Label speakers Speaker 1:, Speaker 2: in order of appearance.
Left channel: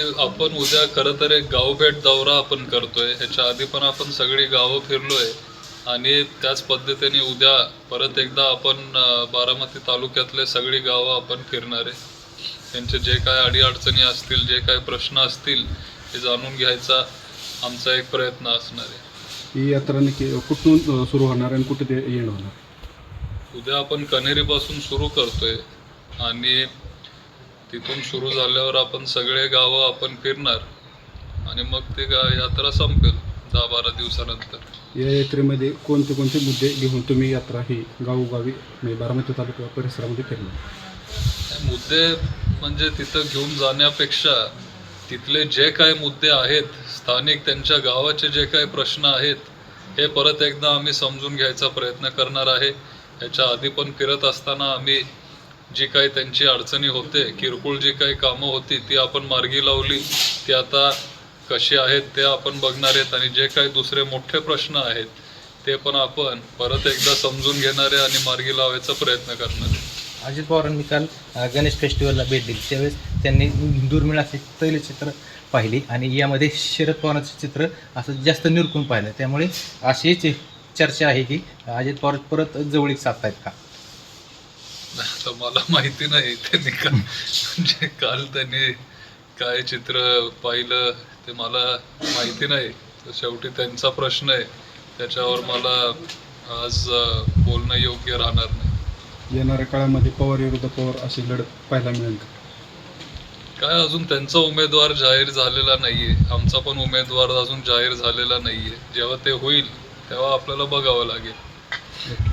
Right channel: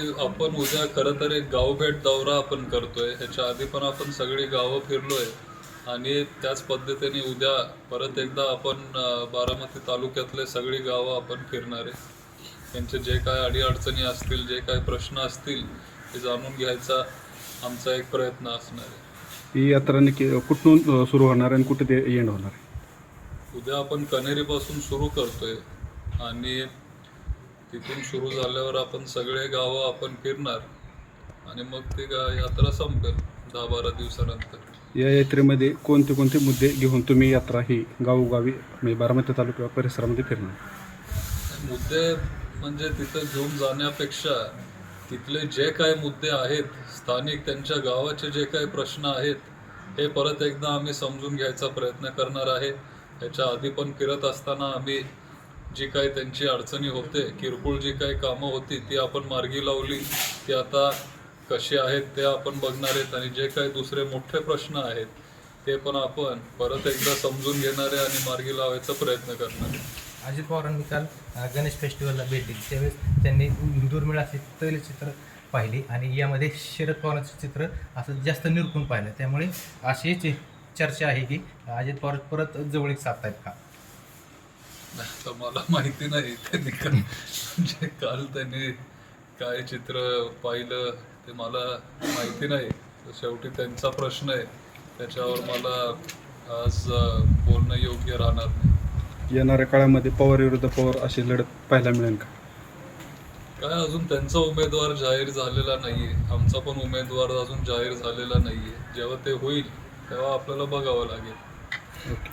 Speaker 1: आपण उद्या खरं तर एक गावभेट दौरा आपण करतोय ह्याच्या आधी पण आपण सगळी गावं फिरलोय आणि त्याच पद्धतीने उद्या परत एकदा आपण बारामती तालुक्यातले सगळी गावं आपण फिरणार आहे त्यांचे जे काय अडीअडचणी असतील जे काय प्रश्न असतील हे जाणून घ्यायचा आमचा एक प्रयत्न असणार आहे
Speaker 2: ही यात्रा कुठून सुरू होणार आहे आणि कुठे ते होणार
Speaker 1: उद्या आपण पासून सुरू करतोय आणि तिथून सुरू झाल्यावर आपण सगळे गावं आपण फिरणार आणि मग ते गा यात्रा संपेल दहा बारा दिवसानंतर
Speaker 2: या यात्रेमध्ये कोणते कोणते मुद्दे घेऊन तुम्ही यात्रा ही गावोगावी म्हणजे बारामती तालुका परिसरामध्ये फिरणार
Speaker 1: मुद्दे म्हणजे तिथं घेऊन जाण्यापेक्षा तिथले जे काही मुद्दे आहेत स्थानिक त्यांच्या गावाचे जे काही प्रश्न आहेत हे परत एकदा आम्ही समजून घ्यायचा प्रयत्न करणार आहे याच्या आधी पण फिरत असताना आम्ही जी काही त्यांची अडचणी होते किरकोळ जी काही कामं होती ती आपण मार्गी लावली ती आता कशी आहेत ते आपण बघणार आहेत आणि जे काही दुसरे मोठे प्रश्न आहेत ते पण आपण परत एकदा समजून घेणारे आणि मार्गी लावायचा प्रयत्न करणार
Speaker 3: अजित पवारांनी काल गणेश फेस्टिवलला भेट दिली त्यावेळेस त्यांनी दुर्मिळाचे तैलचित्र पाहिली आणि यामध्ये शरद पवारांचं चित्र असं जास्त निरखून पाहिलं त्यामुळे अशीच चर्चा आहे की अजित पवार परत जवळीक साधतायत का
Speaker 1: आता मला माहिती नाही त्यांनी का म्हणजे काल त्यांनी काय चित्र पाहिलं ते मला माहिती नाही तर शेवटी त्यांचा प्रश्न आहे त्याच्यावर मला आज बोलणं योग्य राहणार नाही
Speaker 2: येणाऱ्या काळामध्ये पवार विरुद्ध पवार अशी लढत पाहायला मिळेल का
Speaker 1: काय अजून त्यांचा उमेदवार जाहीर झालेला नाहीये आमचा पण उमेदवार अजून जाहीर झालेला नाहीये जेव्हा ते होईल तेव्हा आपल्याला बघावं लागेल